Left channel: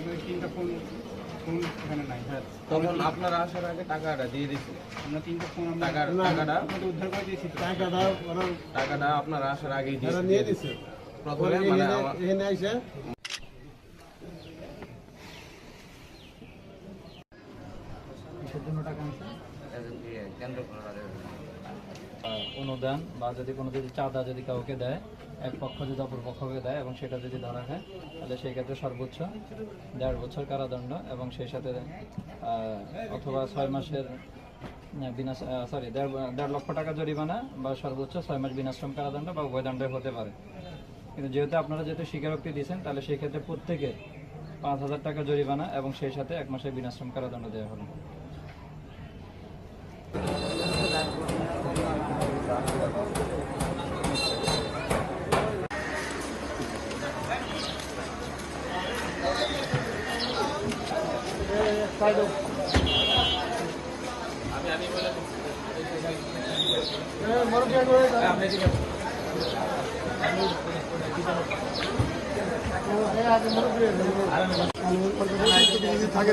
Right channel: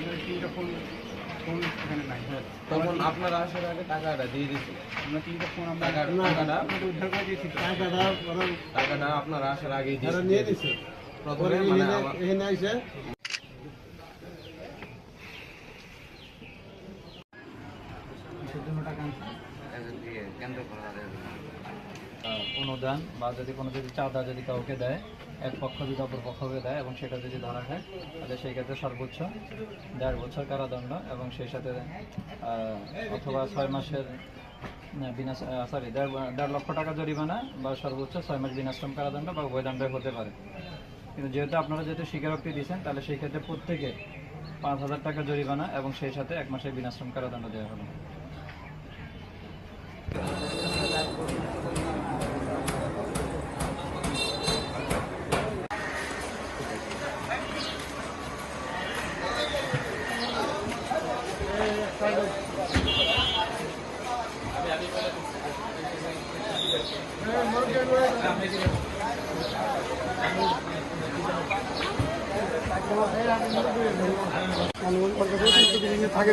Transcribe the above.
আপনাদের তিনটা phone phone এখানে নাই। হ্যাঁ, তখন আপনারা আসার আগে টাকাটা দিয়ে দিয়েছিল। আমরা তিনটা ফোন আমরা টাকাটা উদ্ধার করে দিয়েছি। টাকাটা আপনারা আসার আগেই নিয়ে দিচ্ছে প্রথমে মানে এখানে আইসে কিসের জন্য টাকা আনছে? অনুদান বা যদি কোনো চাঁদা যদি কাউকে দেয়, এক পক্ষ যদি অপর পক্ষকে দেয় এবং সেটা যদি ধরা খায়, তাহলে সেই ক্ষেত্রে সর্বোচ্চ 1.5 বছর কারাদণ্ড এবং সেই সাথে অথবা 6 মাসের দেড় লক্ষ টাকা জরিমানা বা সর্বোচ্চ 6 মাস বিনাশ্রম কারাদণ্ড বা উভয়দণ্ড হতে পারে। কিন্তু যেহেতু আপনারা স্বীকারোক্তি দিয়েছেন, তাহলে সেই ক্ষেত্রে প্রত্যেকের 5,000 টাকা জরিমানা এবং সেই সাথে 1 মাসের বিনাশ্রম কারাদণ্ড দেওয়া হবে। থাকে